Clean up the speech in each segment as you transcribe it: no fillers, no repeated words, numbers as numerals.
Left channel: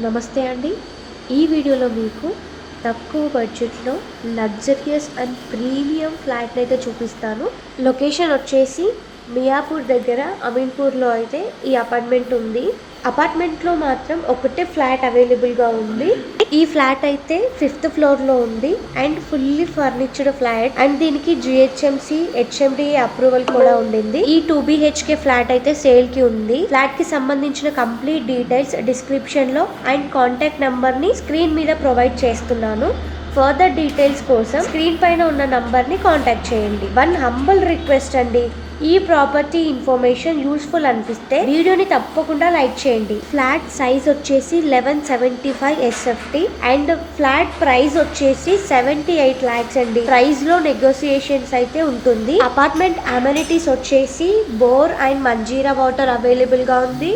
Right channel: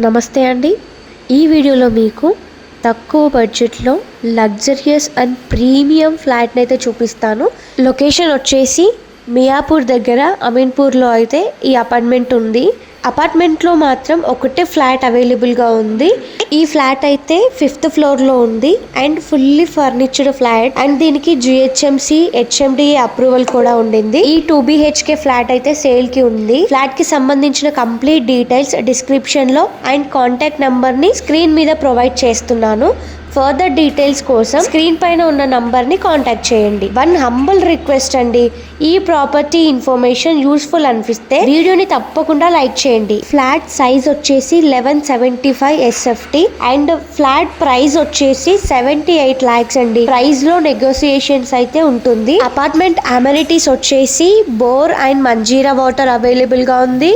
నమస్తే అండి. ఈ వీడియోలో మీకు తక్కువ బడ్జెట్లో లగ్జరియస్ అండ్ ప్రీమియం ఫ్లాట్ని అయితే చూపిస్తాను. లొకేషన్ వచ్చేసి మియాపూర్ దగ్గర అమీన్పూర్లో అయితే ఈ అపార్ట్మెంట్ ఉంది. అపార్ట్మెంట్లో మాత్రం ఒకటే ఫ్లాట్ అవైలబుల్గా ఉంది. ఈ ఫ్లాట్ అయితే 5th ఫ్లోర్లో ఉంది అండ్ ఫుల్లీ ఫర్నిచర్డ్ ఫ్లాట్ అండ్ దీనికి జిహెచ్ఎంసి హెచ్ఎండి అప్రూవల్ కూడా ఉండింది. ఈ 2 BHK ఫ్లాట్ అయితే సేల్ కి ఉంది. ఫ్లాట్ కి సంబంధించిన కంప్లీట్ డీటెయిల్స్ డిస్క్రిప్షన్ లో అండ్ కాంటాక్ట్ నంబర్ ని స్క్రీన్ మీద ప్రొవైడ్ చేస్తున్నాను. ఫర్దర్ డీటెయిల్స్ కోసం స్క్రీన్ పైన ఉన్న నంబర్ ని కాంటాక్ట్ చేయండి. వన్ హంబుల్ రిక్వెస్ట్ అండి, ఈ ప్రాపర్టీ ఇన్ఫర్మేషన్ యూస్ఫుల్ అనిపిస్తే వీడియోని తప్పకుండా లైక్ చేయండి. ఫ్లాట్ సైజ్ వచ్చేసి 1175 SFT అండ్ ఫ్లాట్ ప్రైస్ వచ్చేసి 78 lakhs అండి. ప్రైస్ లో నెగోసియేషన్స్ అయితే ఉంటుంది. అపార్ట్మెంట్ అమెనిటీస్ వచ్చేసి bore and Manjira water available గా ఉంది.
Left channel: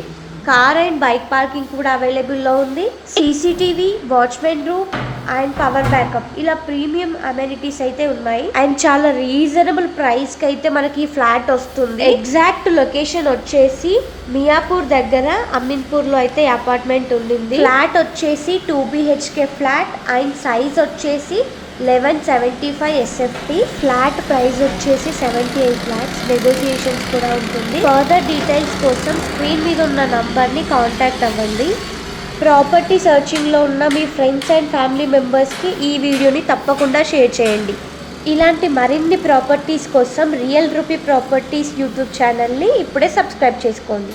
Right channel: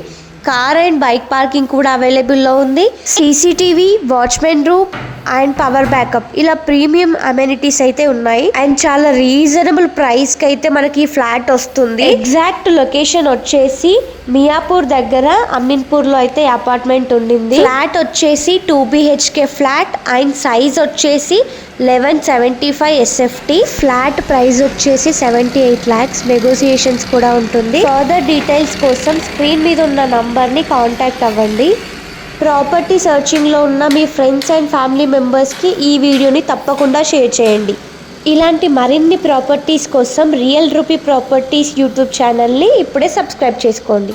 కార్ అండ్ బైక్ పార్కింగ్ కూడా అవైలబుల్ లో ఉంది. CCTV, watchman room and power backup ఇలా ప్రీమియం అమెనిటీస్ అయితే ఉన్నాయి అండ్ చాలా రీజనబుల్ ప్రైస్ కి అయితే మనకి ఈ ఫ్లాట్ వస్తుంది. ఎగ్జాక్ట్ లొకేషన్ వచ్చేసి మియాపూర్ దగ్గర అమీన్పూర్ లో అయితే అపార్ట్మెంట్ ఉండింది. ఫ్లాట్ వచ్చేసి 2 BHK ఫ్లాట్ అండ్ సైజ్ వచ్చేసి 1175 SFT. ఫ్లాట్ ప్రైస్ వచ్చేసి 78 lakhs. నెగోసియేషన్స్ కూడా ఉంటుంది. ఫర్దర్ డీటెయిల్స్ కోసం స్క్రీన్ మీద ఉన్న నంబర్ ని కాంటాక్ట్ అవ్వండి. ప్రాపర్టీ సర్చింగ్ లో ఉన్న మీ ఫ్రెండ్స్ అండ్ ఫ్యామిలీ మెంబర్స్ కి ఈ వీడియోని తప్పకుండా షేర్ చేయండి. ఇలాంటి మరిన్ని ప్రాపర్టీస్ కోసం real rupee properties YouTube channel ని ఇప్పుడే సబ్స్క్రైబ్ చేసుకోండి.